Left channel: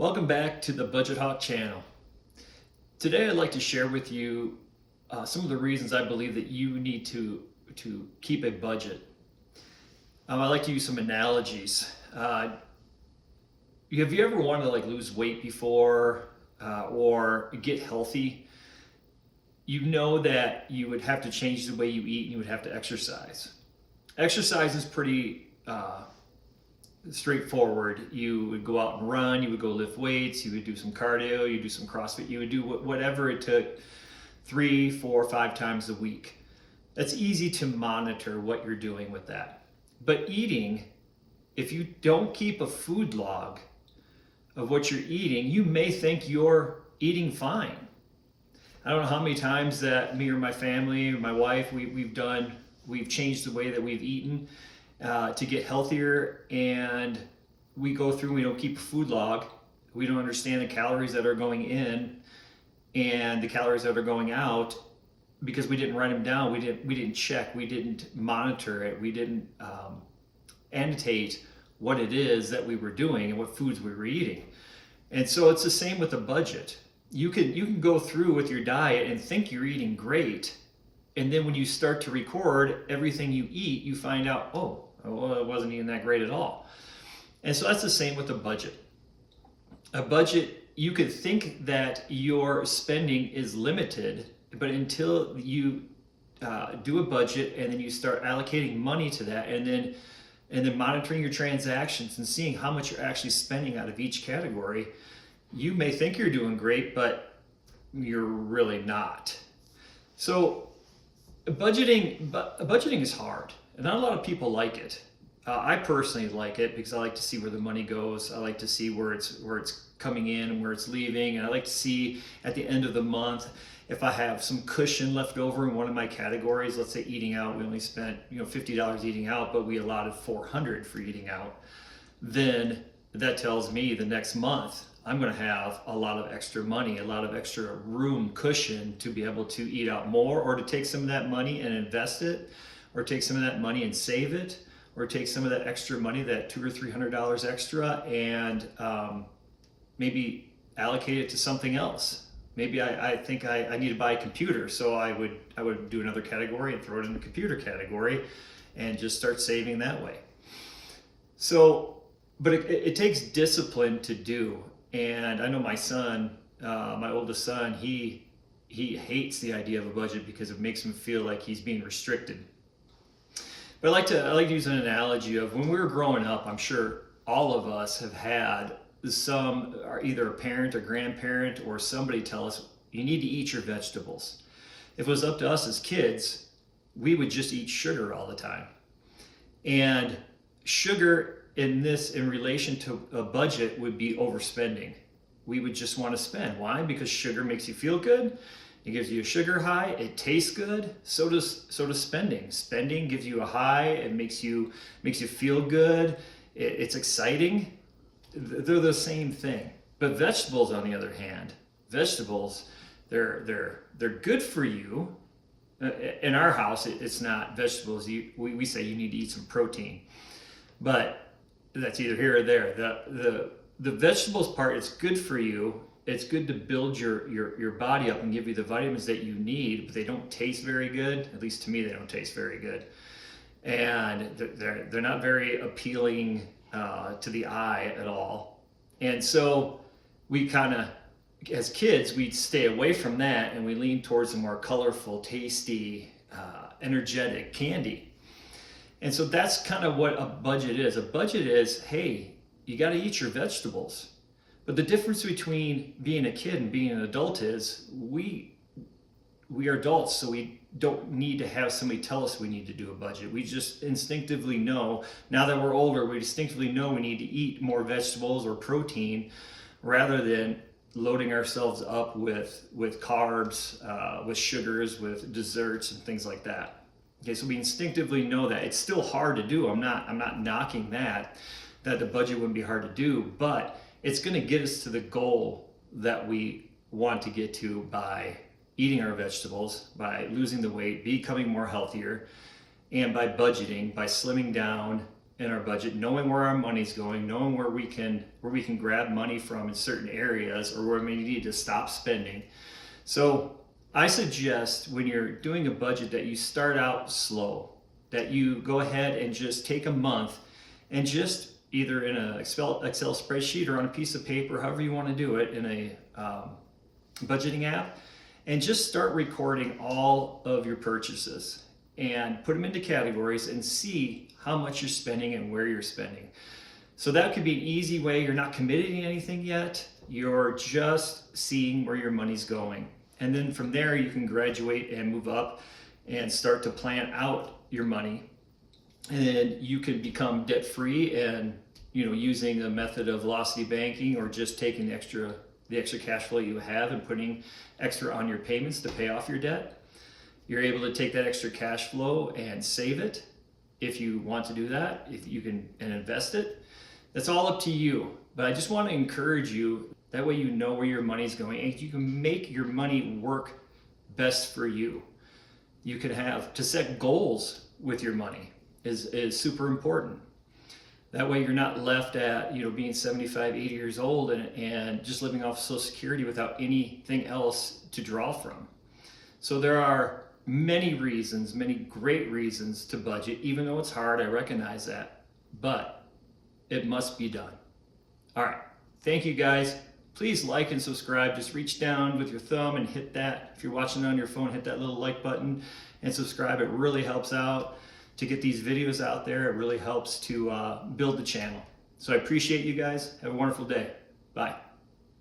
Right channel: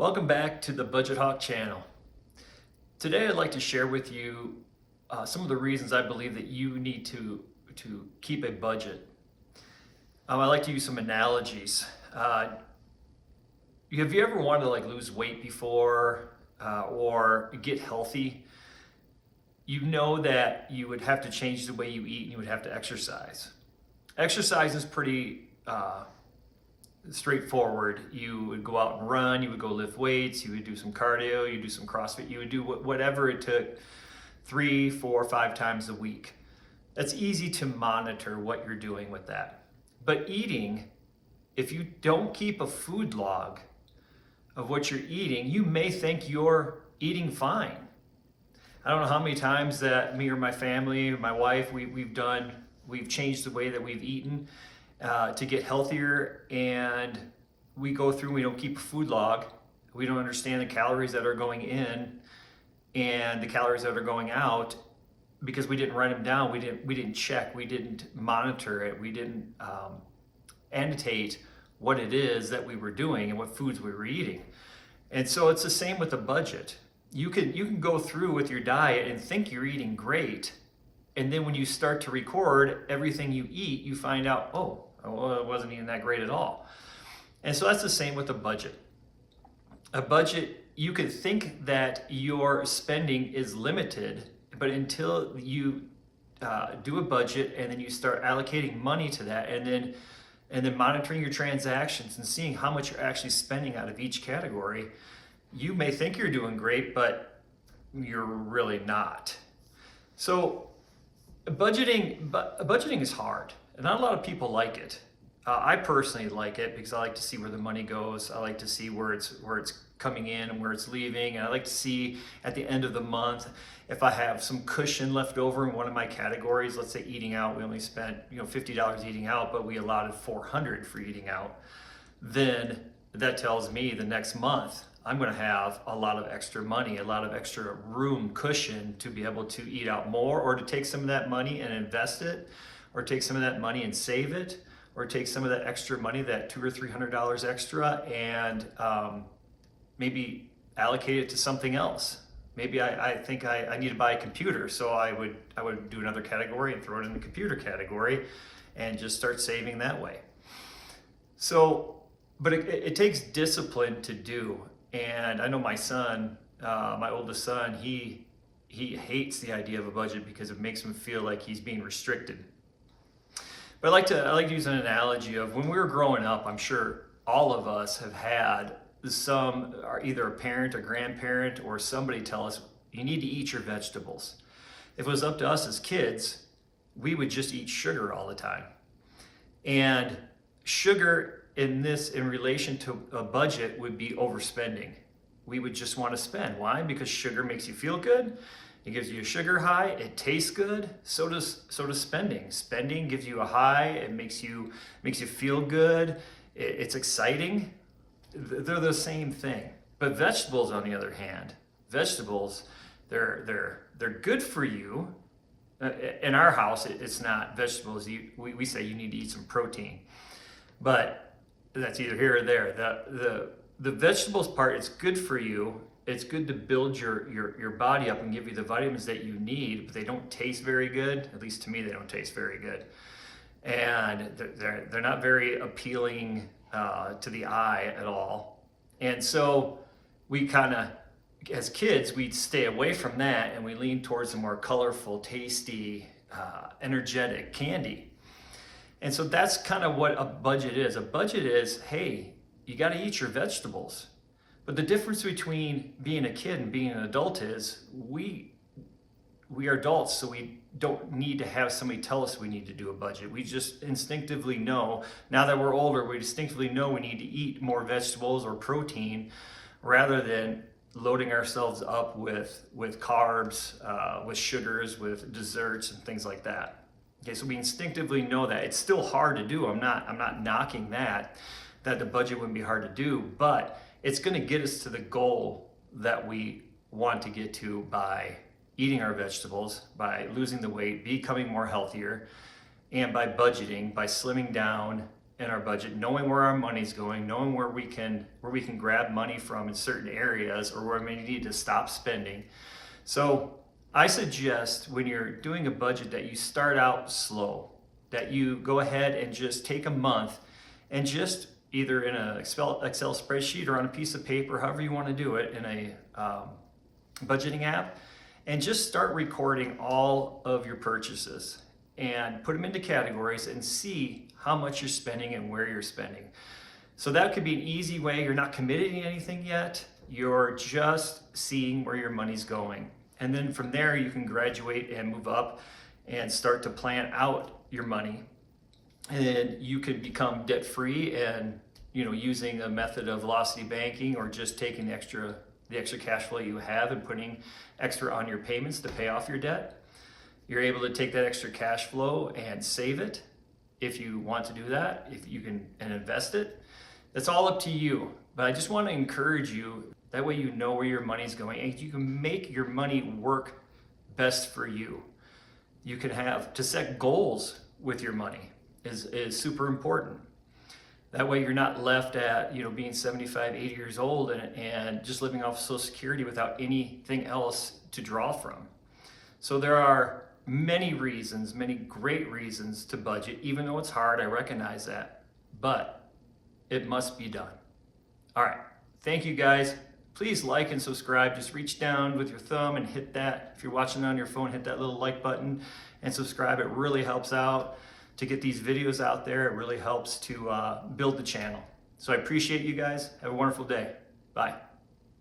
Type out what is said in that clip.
Welcome back to the Budget Hawk channel. Today I'd like to share with you some of the reasons I believe that you need to keep a budget. I like to use some analogies. Have you ever wanted to lose weight before or get healthy? You know that you would have to change the way you eat and you would have to exercise. Exercise is pretty straightforward. You would go out and run, you would go lift weights, you would do some cardio, you would do some CrossFit, you would do whatever it took 3, 4, 5 times a week. That's easy to monitor what you're doing with that. But eating, if you don't keep a food log of what you're eating, you may think you're eating fine. I don't know how many times that me or my family or my wife, we've changed the way that we've eaten to get healthier, and we go through, we don't keep a food log, we don't understand the calories that are going in and the calories that are going out because we didn't write them down, we didn't check, we didn't monitor it, we didn't annotate what it is that we were doing and what foods we were eating. And so it's the same with the budget. You can go through with your diet and think you're eating great, and then when you start to record everything you eat, you find out, oh, well, it wasn't even that great at all. And so that's the same with a budget. A budget, you could think that your spending is limited, but until you do a budget and then you start allocating money to that, and then monitoring your transactions and seeing how much you're actually spending out of each category, you may think you're doing great, but you're really not. So budgeting is hard, and not a lot of people like it. I personally like it because I like to see where the money goes. I like to see where it's coming in and where it's leaving, and I like to see at the end of the month if I have some cushion left over in one of my categories. Let's say eating out, we only spent $50 eating out, but we allotted $400 for eating out. Then that tells me the next month I'm going to have a lot of extra money, a lot of extra room cushion to be able to eat out more, or to take some of that money and invest it, or take some of that money and save it, or take some of that extra money, that $200 or $300 extra, and maybe allocate it to something else. Maybe I think I need to buy a computer, so I would do another category and throw it in the computer category and just start saving that way. So, but it takes discipline to do. And I know my son, my oldest son, he hates the idea of a budget because it makes him feel like he's being restricted. But I like to use an analogy of when we were growing up. I'm sure all of us have had either a parent or grandparent or somebody tell us, you need to eat your vegetables. If it was up to us as kids, we would just eat sugar all the time. And sugar in relation to a budget would be overspending. We would just want to spend. Why? Because sugar makes you feel good. It gives you a sugar high. It tastes good. So does spending. Spending gives you a high. It makes you feel good. It's exciting. They're the same thing. But vegetables, on the other hand, they're good for you. In our house, it's not vegetables. We say you need to eat some protein, but that's either here or there. The vegetables part is good for you. It's good to build your body up and give you the vitamins that you need, but they don't taste very good. At least to me, they don't taste very good. And they're not very appealing to the eye at all. And so we kind of, as kids, we'd stay away from that and we lean towards the more colorful, tasty, energetic candy. And so that's kind of what a budget is. A budget is, hey, you got to eat your vegetables. But the difference between being a kid and being an adult is we are adults, so we don't need to have somebody tell us we need to do a budget. We just instinctively know, now that we're older, we instinctively know we need to eat more vegetables or protein rather than loading ourselves up with carbs, with sugars, with desserts and things like that. Okay, so we instinctively know that. It's still hard to do. I'm not knocking that the budget wouldn't be hard to do, but it's going to get us to the goal that we want to get to by eating our vegetables, by losing the weight, becoming more healthier, and by budgeting, by slimming down in our budget, knowing where our money's going, knowing where we can grab money from in certain areas, or where we need to stop spending. So I suggest when you're doing a budget that you start out slow, that you go ahead and just take a month and just either in an Excel spreadsheet or on a piece of paper, however you want to do it, in a budgeting app, and just start recording all of your purchases and put them into categories and see how much you're spending and where you're spending. So that could be an easy way. You're not committing to anything yet. You're just seeing where your money's going. And then from there, you can graduate and move up and start to plan out your money. And then you can become debt free, and using a method of velocity banking, or just taking the extra cash flow you have and putting extra on your payments to pay off your debt. You're able to take that extra cash flow and save it if you want to do that, if you can, and invest it. That's all up to you. But I just want to encourage you, that way you know where your money's going and you can make your money work best for you. You can to set goals with your money is super important. That way you're not left at being 75, 80 years old and just living off Social Security without anything else to draw from. So there are many reasons, many great reasons to budget, even though it's hard, I recognize that, but it must be done. All right, thank you guys. Please like and subscribe. Just reach down with your thumb and hit that. If you're watching on your phone, hit that little like button and subscribe. It really helps out to get these videos out there. It really helps to build the channel. So I appreciate you guys. Have a wonderful day. Bye.